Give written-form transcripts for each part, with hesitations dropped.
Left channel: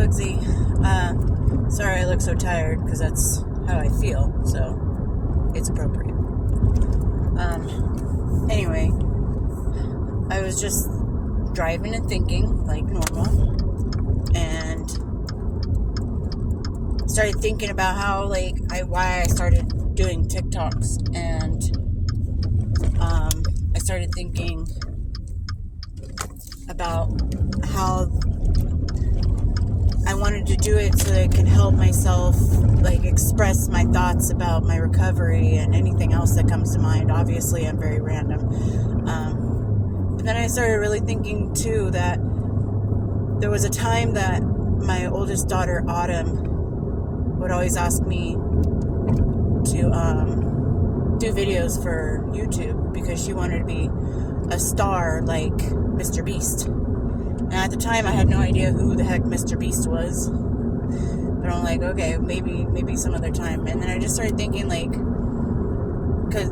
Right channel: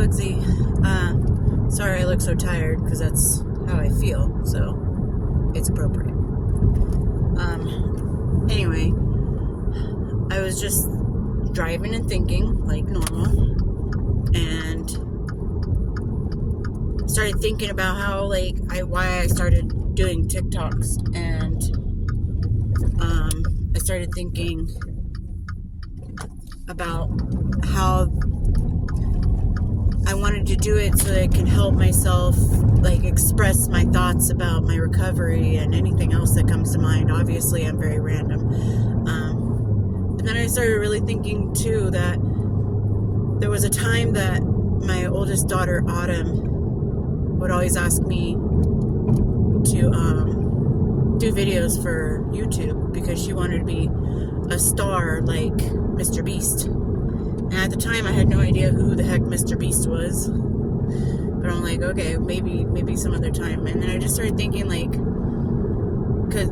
Bugsy. Sorry I look so tired, because that's how I feel, so it's appropriate. Anyway, I was just driving and thinking, like normal, and started thinking about how, why I started doing TikToks, and I started thinking about how I wanted to do it so that I could help myself, express my thoughts about my recovery and anything else that comes to mind. Obviously, I'm very random. But then I started really thinking, too, that there was a time that my oldest daughter, Autumn, would always ask me to do videos for YouTube because she wanted to be a star like Mr. Beast. And at the time, I had no idea who the heck Mr. Beast was. But I'm like, okay, maybe some other time. And then I just started thinking, because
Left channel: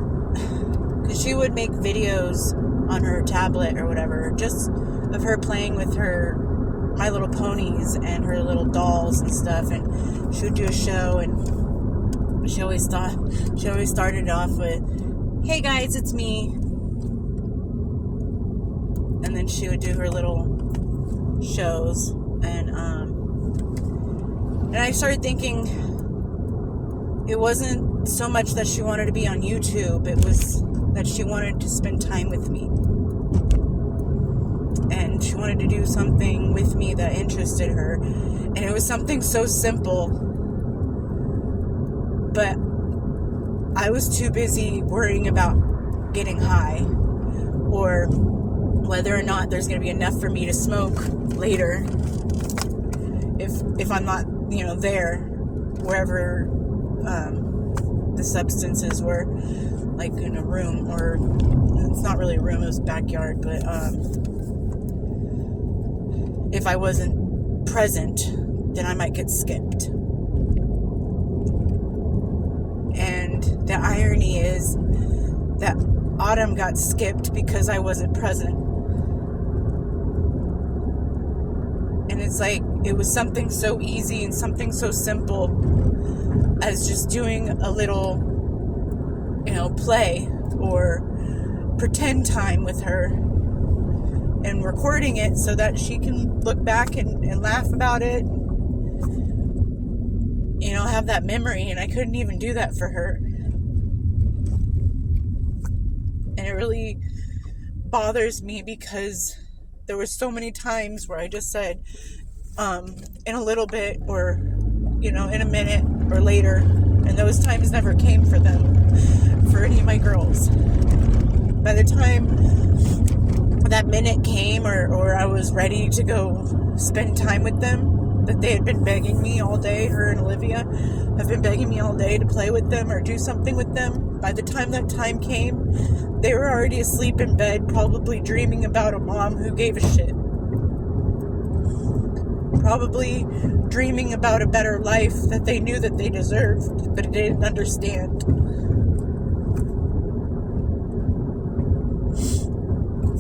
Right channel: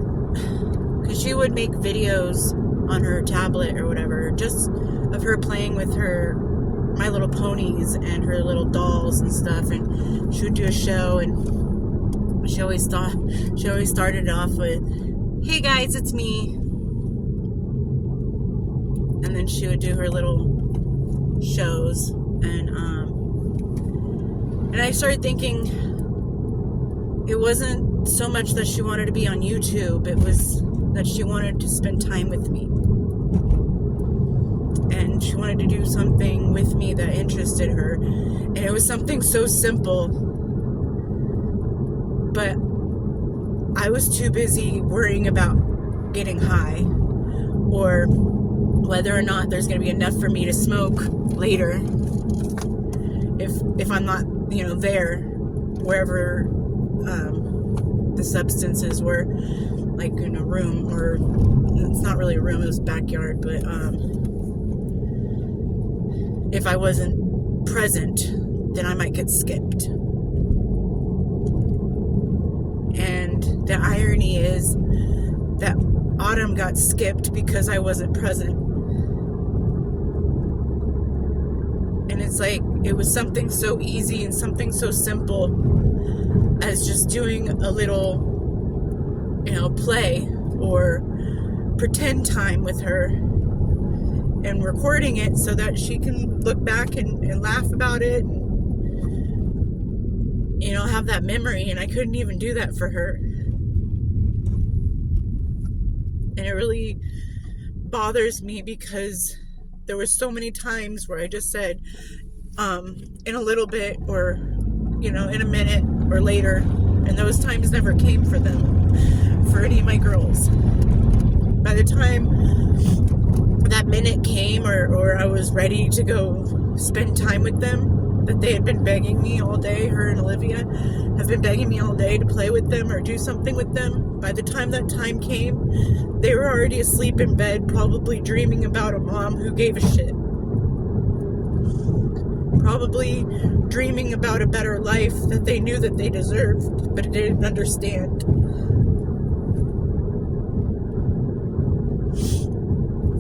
she would make videos on her tablet or whatever, just of her playing with her My Little Ponies and her little dolls and stuff. And she would do a show, and she always started it off with, "Hey guys, it's me." And then she would do her little shows, and I started thinking it wasn't so much that she wanted to be on YouTube, it was that she wanted to spend time with me, and she wanted to do something with me that interested her, and it was something so simple, but I was too busy worrying about getting high, or whether or not there's going to be enough for me to smoke later if I'm not, there, wherever the substances were, like in a room, or it's not really a room, it was a backyard, but if I wasn't present, then I might get skipped. And the irony is that Autumn got skipped because I wasn't present. And it's like, it was something so easy and something so simple as just doing a little, play or pretend time with her and recording it so that she can look back and laugh about it, have that memory. And I couldn't even do that for her. And it really bothers me because there were so many times where I just said, in a little bit, or, in a minute or later, and those times never came for them, for any of my girls. By the time that minute came, or I was ready to go spend time with them, that they had been begging me all day, her and Olivia have been begging me all day to play with them or do something with them. By the time that time came, they were already asleep in bed, probably dreaming about a mom who gave a shit. Probably dreaming about a better life that they knew that they deserved, but didn't understand.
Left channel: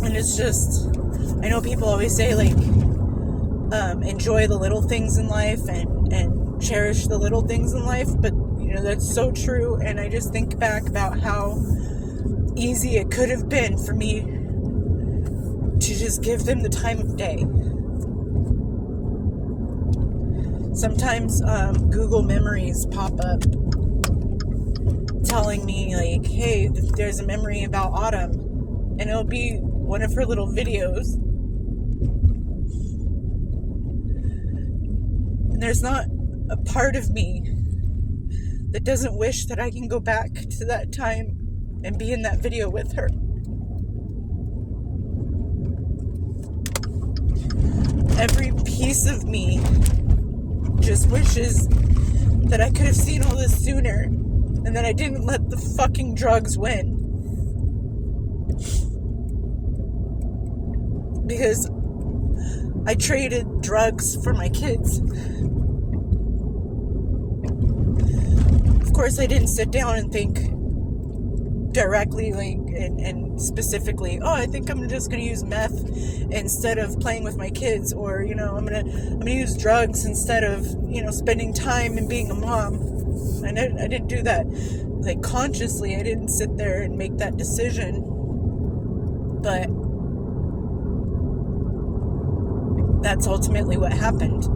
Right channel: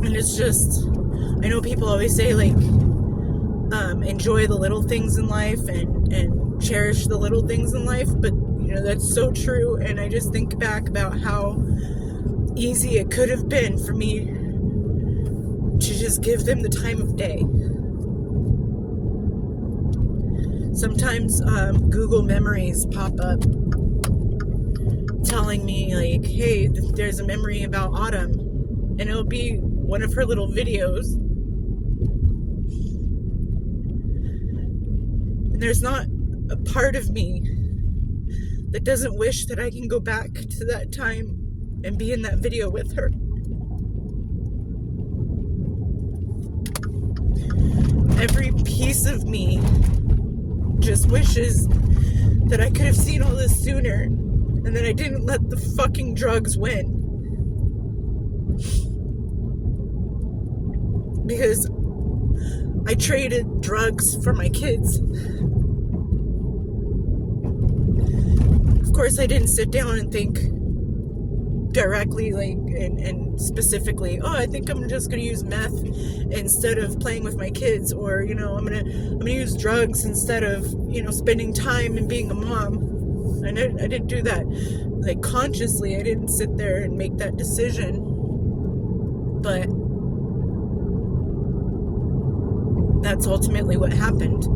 And it's just, I know people always say, enjoy the little things in life and cherish the little things in life, but, that's so true. And I just think back about how easy it could have been for me to just give them the time of day. Sometimes Google Memories pop up telling me, hey, there's a memory about Autumn, and it'll be one of her little videos. And there's not a part of me that doesn't wish that I can go back to that time and be in that video with her. Every piece of me just wishes that I could have seen all this sooner, and that I didn't let the fucking drugs win. Because I traded drugs for my kids. Of course, I didn't sit down and think directly, and specifically, I think I'm just gonna use meth instead of playing with my kids, or I'm gonna to use drugs instead of, spending time and being a mom. And I didn't do that. Like, consciously, I didn't sit there and make that decision. But that's ultimately what happened.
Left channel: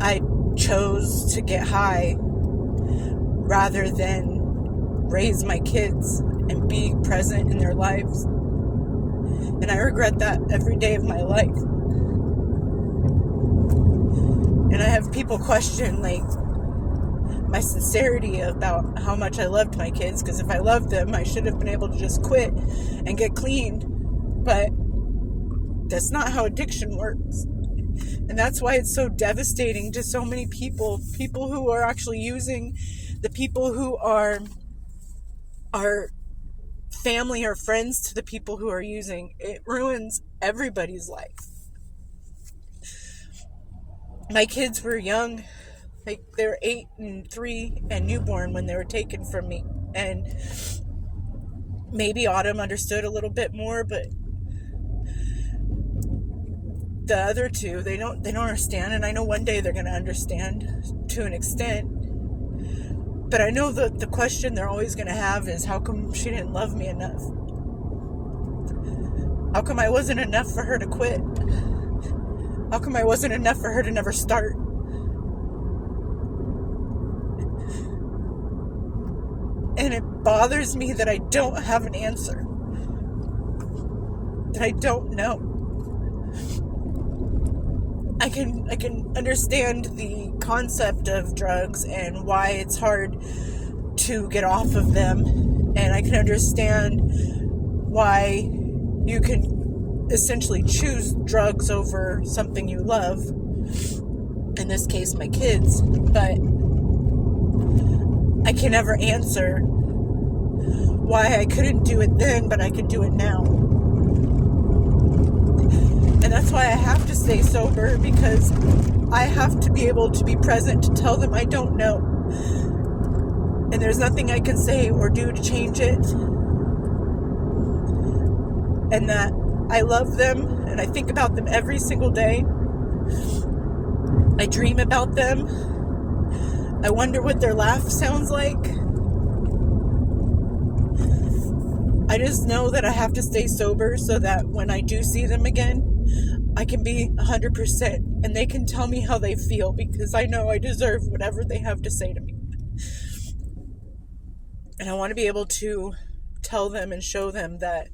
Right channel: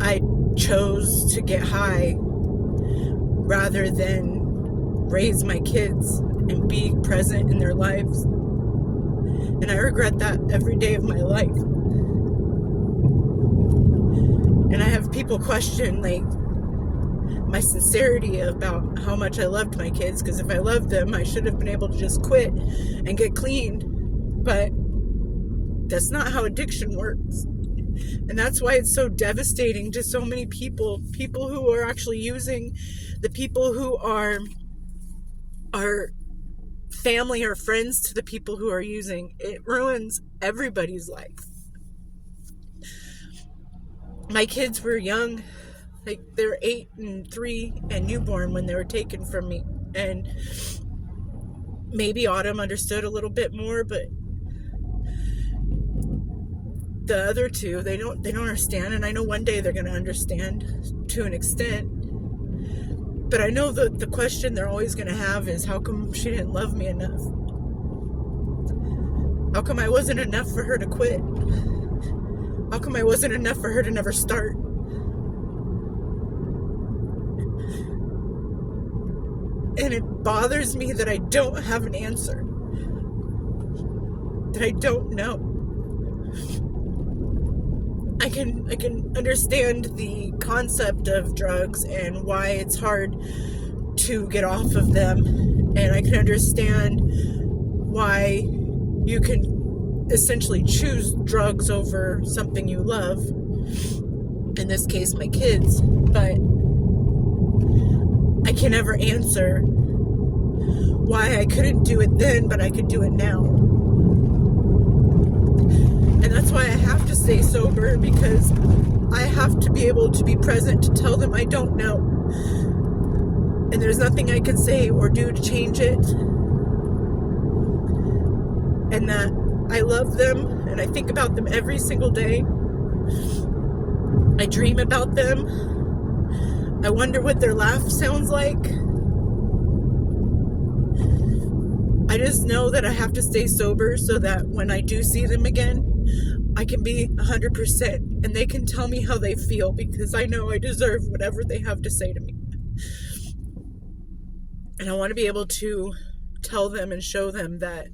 I chose to get high rather than raise my kids and be present in their lives. And I regret that every day of my life. And I have people question, like, my sincerity about how much I loved my kids, because if I loved them, I should have been able to just quit and get clean. But that's not how addiction works. And that's why it's so devastating to so many people who are actually using, the people who are family or friends to the people who are using. It ruins everybody's life. My kids were young, like they're 8 and 3 and newborn when they were taken from me. And maybe Autumn understood a little bit more, but the other two, they don't understand. And I know one day they're going to understand to an extent. But I know that the question they're always going to have is, how come she didn't love me enough? How come I wasn't enough for her to quit? How come I wasn't enough for her to never start? And it bothers me that I don't have an answer. That I don't know. I can understand the concept of drugs and why it's hard to get off of them. And I can understand why you can essentially choose drugs over something you love. In this case, my kids. But I can never answer why I couldn't do it then, but I could do it now. And that's why I have to stay sober, because I have to be able to be present to tell them I don't know. And there's nothing I can say or do to change it. And that I love them and I think about them every single day. I dream about them. I wonder what their laugh sounds like. I just know that I have to stay sober so that when I do see them again, I can be 100% and they can tell me how they feel, because I know I deserve whatever they have to say to me. And I want to be able to tell them and show them that,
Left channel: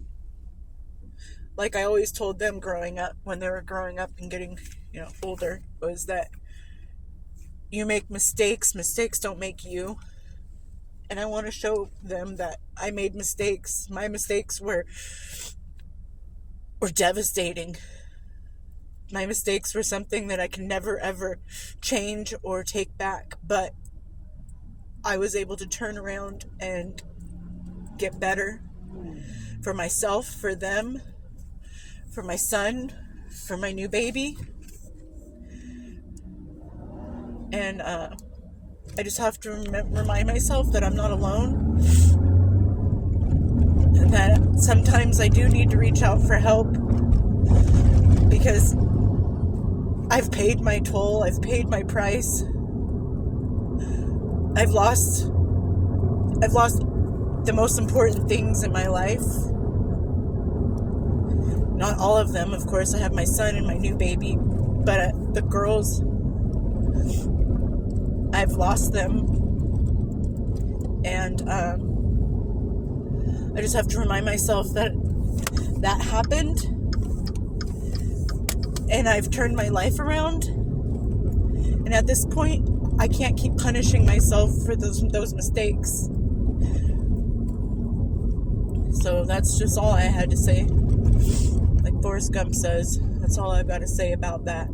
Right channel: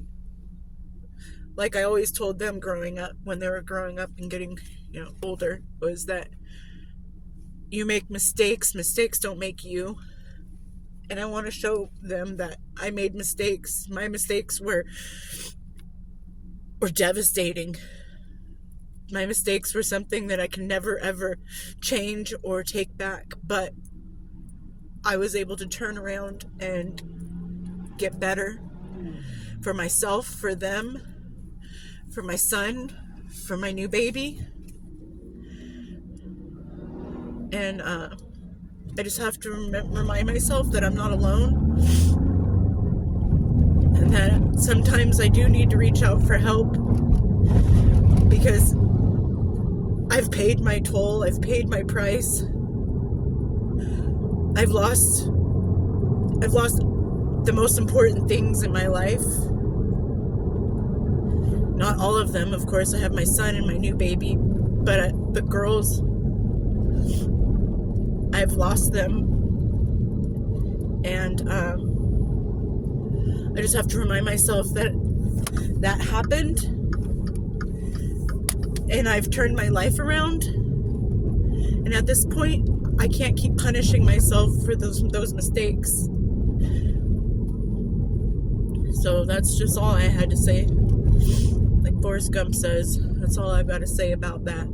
like I always told them growing up, when they were growing up and getting, older, was that you make mistakes don't make you. And I want to show them that I made mistakes. My mistakes were devastating. My mistakes were something that I can never, ever change or take back. But I was able to turn around and get better for myself, for them, for my son, for my new baby. And I just have to remind myself that I'm not alone. And that sometimes I do need to reach out for help, because I've paid my toll, I've paid my price. I've lost the most important things in my life. Not all of them, of course. I have my son and my new baby, but the girls, I've lost them. And I just have to remind myself that happened. And I've turned my life around. And at this point, I can't keep punishing myself for those mistakes. So that's just all I had to say. Like Forrest Gump says, that's all I've got to say about that.